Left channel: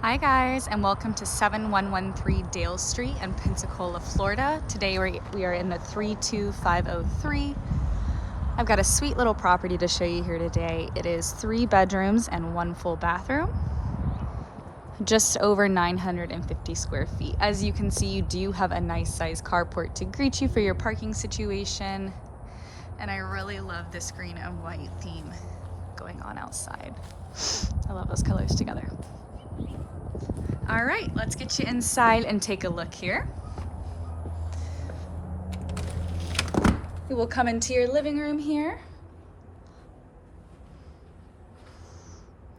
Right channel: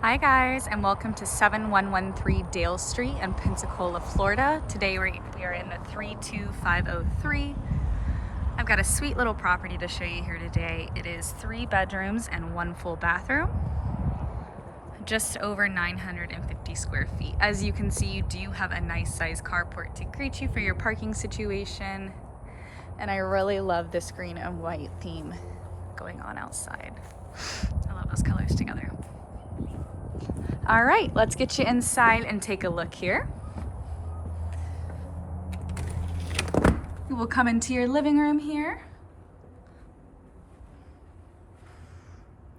Hi guys, and welcome to 7113 Dale Street in Pensacola, Florida. Today we are in the 32503. I've got a sweet little property to show you here today. It is 3 bedrooms and 1 full bathroom, just over 950 square feet. As you can see, you do have a nice size carport to greet you for your parking situation. And I really love this green and white theme going on outside. I love those colors together. All right, let's get you inside and take a look here. You will come into your living room here.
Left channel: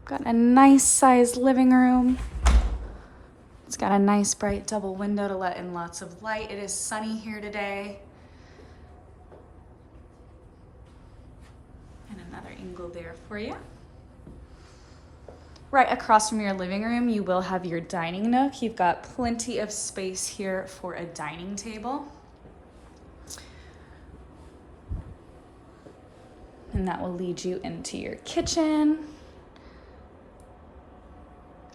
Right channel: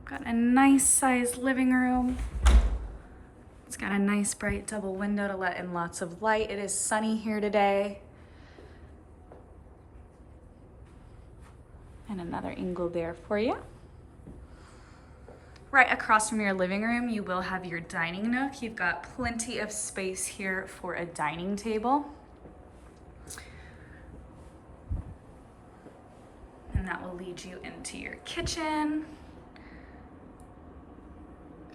Got a nice sized living room. It's got a nice bright double window to let in lots of light. It is sunny here today. And another angle there for you. Right across from your living room, you will have your dining nook. You've got plenty of space here for a dining table. And that will lead you into your kitchen.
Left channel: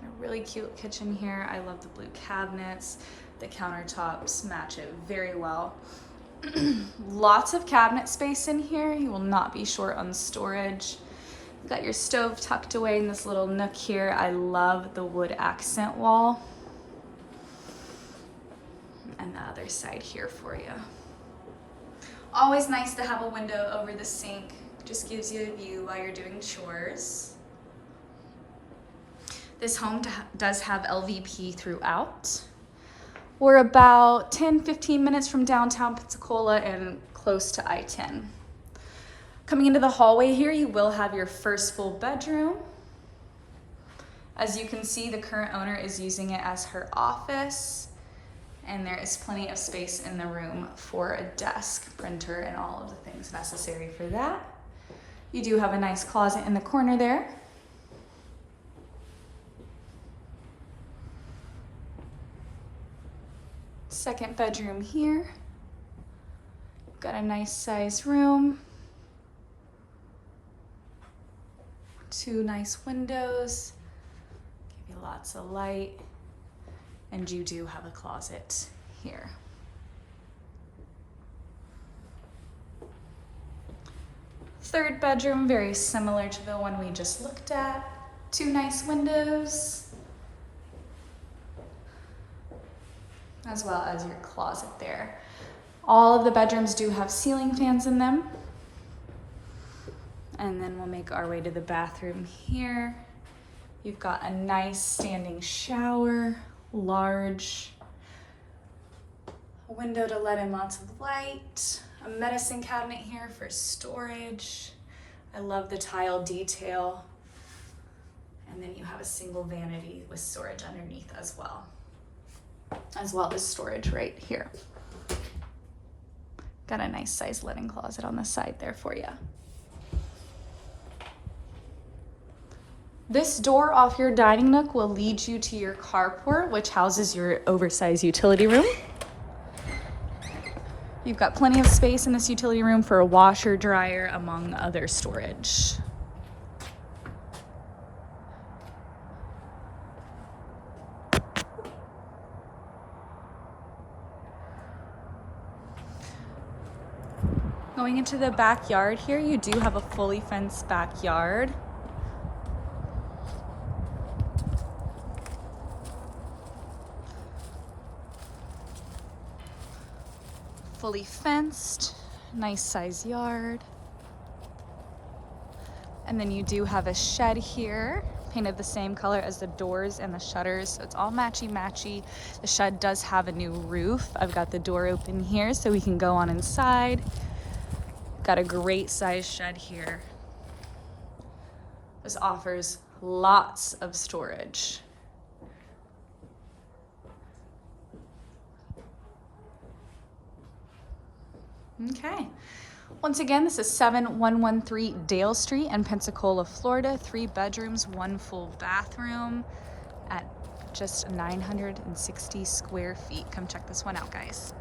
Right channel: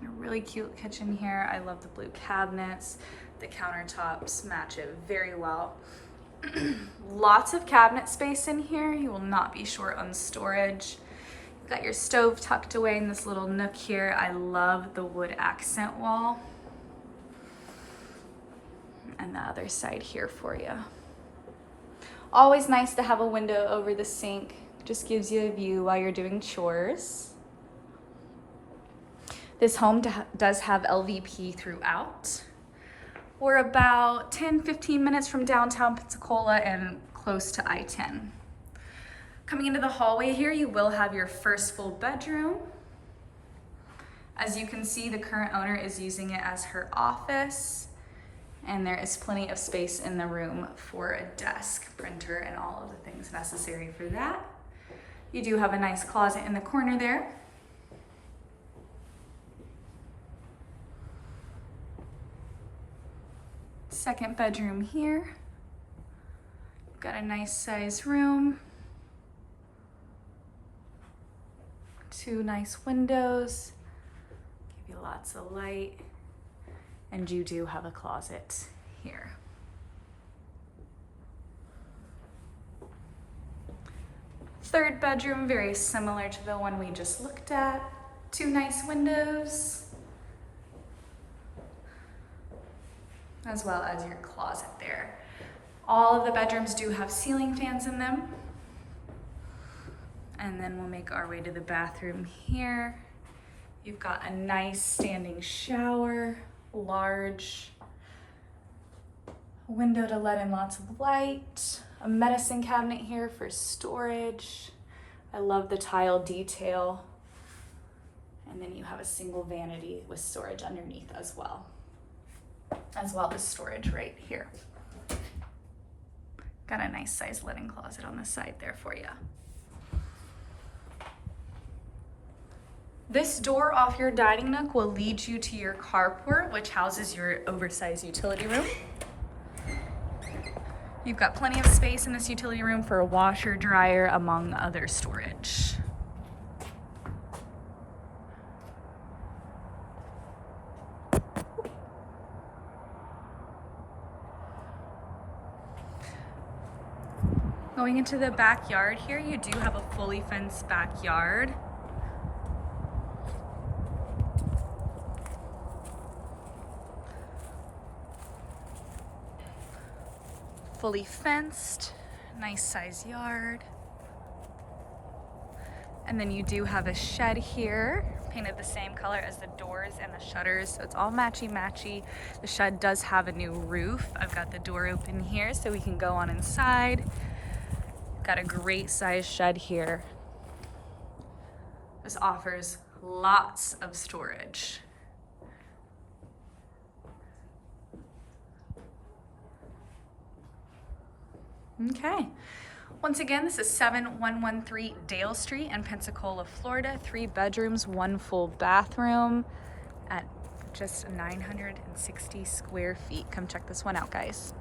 A really cute kitchen here. I love the blue cabinets. The countertops match it very well. Lots of cabinet space in here. You will not be short on storage. You've got your stove tucked away in this little nook here. I love the wood accent wall. And the other side here for you. Always nice to have a window over the sink. Just gives you a view while you're doing chores. This home does have LVP throughout. We're about 10-15 minutes from downtown Pensacola and close to I-10. Coming into the hallway here, you will have your first full bedroom. As you can see, the current owner is using it as her office, and there is plenty of space in the room for a desk, printer, and all of the things necessary for that. You do have a nice closet in the corner there. Second bedroom here. Got a nice size room. 2 nice windows, give you lots of light, and you do have a closet here. Third bedroom, very similar to the one we just looked at. 2 nice windows, as well as your closet there. All of the bedrooms do have ceiling fans in them. And then we'll make our way to the bathroom here. You've got a nice standing shower, large window to let in lots of light, a medicine cabinet here for storage. I love the tile detail. And then you have a single vanity with storage underneath as well as storage right here. Got a nice sized linen closet on the side there for you. This door off your dining nook will lead you to your carport, which houses your oversized utility room. You've got plenty of space in this utility room for a washer, dryer, among other storage. Going into the backyard here, you do have a fully fenced backyard. Fully fenced, nice size yard. And then you do have a shed here, painted the same color as the doors and the shutters, so it's all matchy-matchy. The shed does have a new roof. I've got the door open here so we can go on inside. Got a great size shed here. This offers lots of storage. Okay, once again, this is 7113 Dale Street in Pensacola, Florida. 3 bedrooms, 1 full bathroom at just 960 square feet. Come check this one out, guys.